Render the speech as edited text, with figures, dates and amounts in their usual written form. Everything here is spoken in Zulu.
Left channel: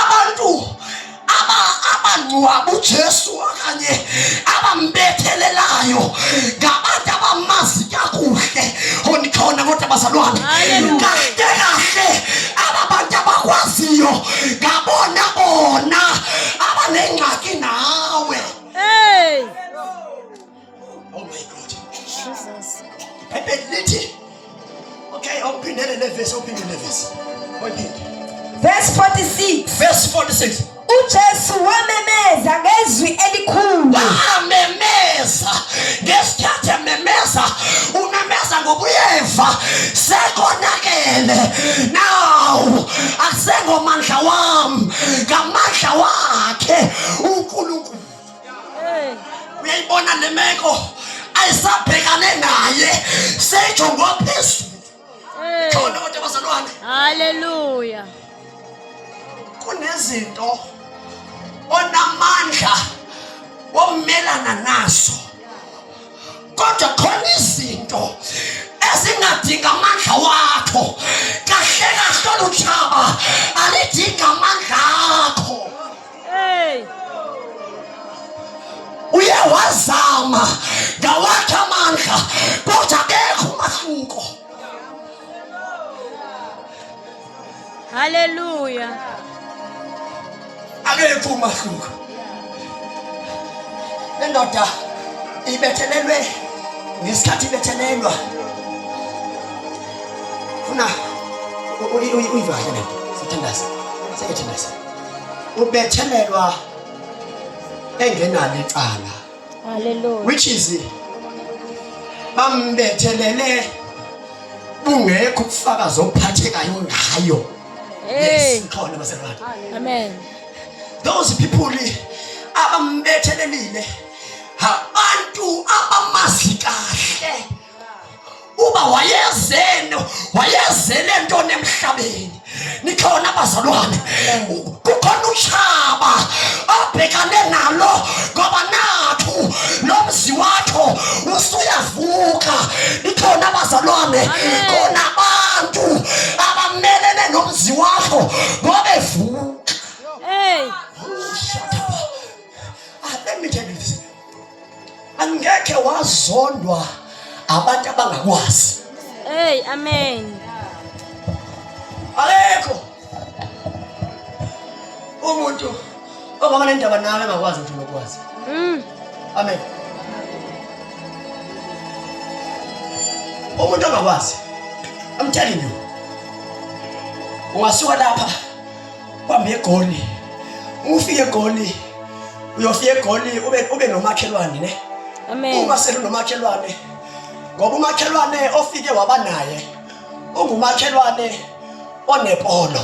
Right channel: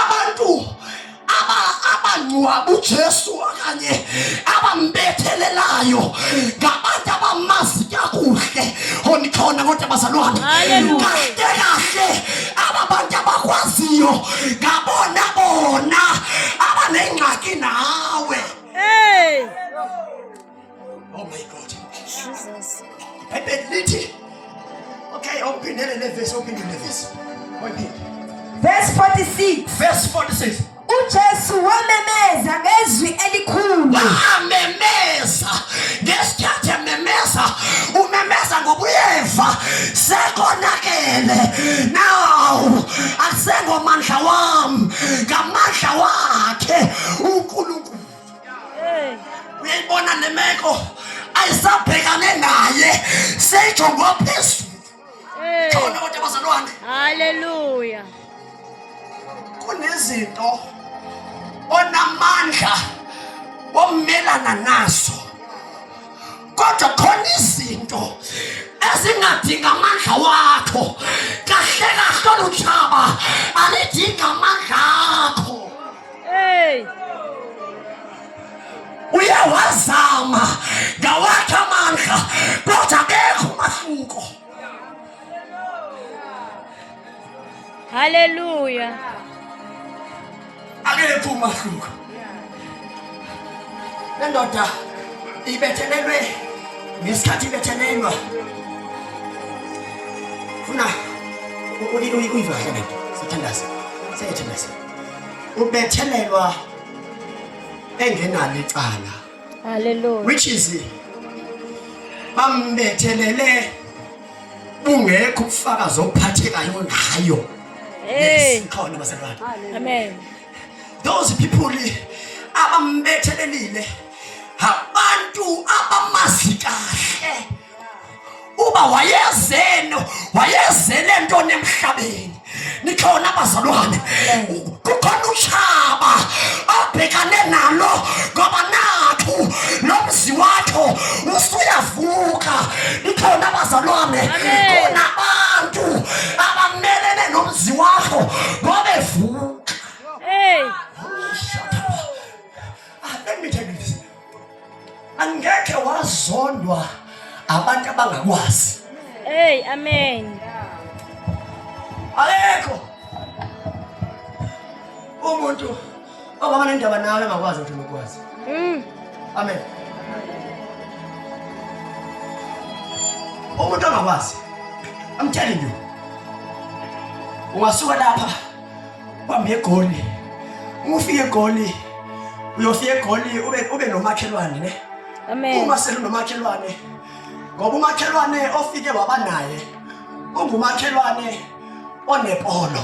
abantu abangcwaba uJesu okanye abambethelelayo ngabantu abamazi kakuhle onikhona kodwa bazalwane kahle abantu abakwaziyo ngabona bona abanengxaki nawe. Hey, oh my God, Jesus. lithi okay, open the verse, open the verse. Verse 46. Verse 46. uJesu wamemeza ngezwi elikhulu. Wamemeza ngesikhathi ememeza, umemeza ngobuyeva sekonakele. Now akusengomandla wami, ngamandla wakhe uNkulunkulu. Hey, Uyayibona le meko ayisabhekane naye, sejongo phezulu. hey. Khona kodwa bazalwane, Hallelujah. kunezinto onamandla womelana nazo, kodwa khona izinto ezingadinga amandla wakho. Kahle kahle luthaba alidinga amandla akho. Hey, Uyawazama ngawakhe amandla kodwa akekho umahluko. hallelujah. Akekho umahluko. Le ndoda ibethelelwe ngesikhathi ibethelelwa. Funa uyiva kahle sithandaza. Siyethandaza. Ubethelelwa engenalo icala, Hallelujah. which is bambethelele bungekho ukufakaza okuphathekayo ngayo. Hey, Khona bazalwane. amen. Those people abambethelelile abantu abamazi kahle uba wayezele ntoni emhlabeni. Nikhona abazalwane, kukhona utshaba abhekane nalo ngoba nathu lo mzi wakho usuyavuka. Nikhona abazalwane, khona abantu abamelene nomzi wakho ngoba evuka. Hey, Shut up. Let me tell you this. Angeke wazondwa abantu abangakwazi. hey, amen. Alekho umuntu ongaba nendaba nawe engakwazi ukuthi unokwazi. Amen. Umuntu ongakwazi, I'm telling you, ungasuka lapha kwambe egoli, ufike egoli, uyofika egoli ube nomakhelwane ne. Amen. Uma senomakhelwane, ngoba umakhelwane ofike waba naye ungumakhelwane onepolo.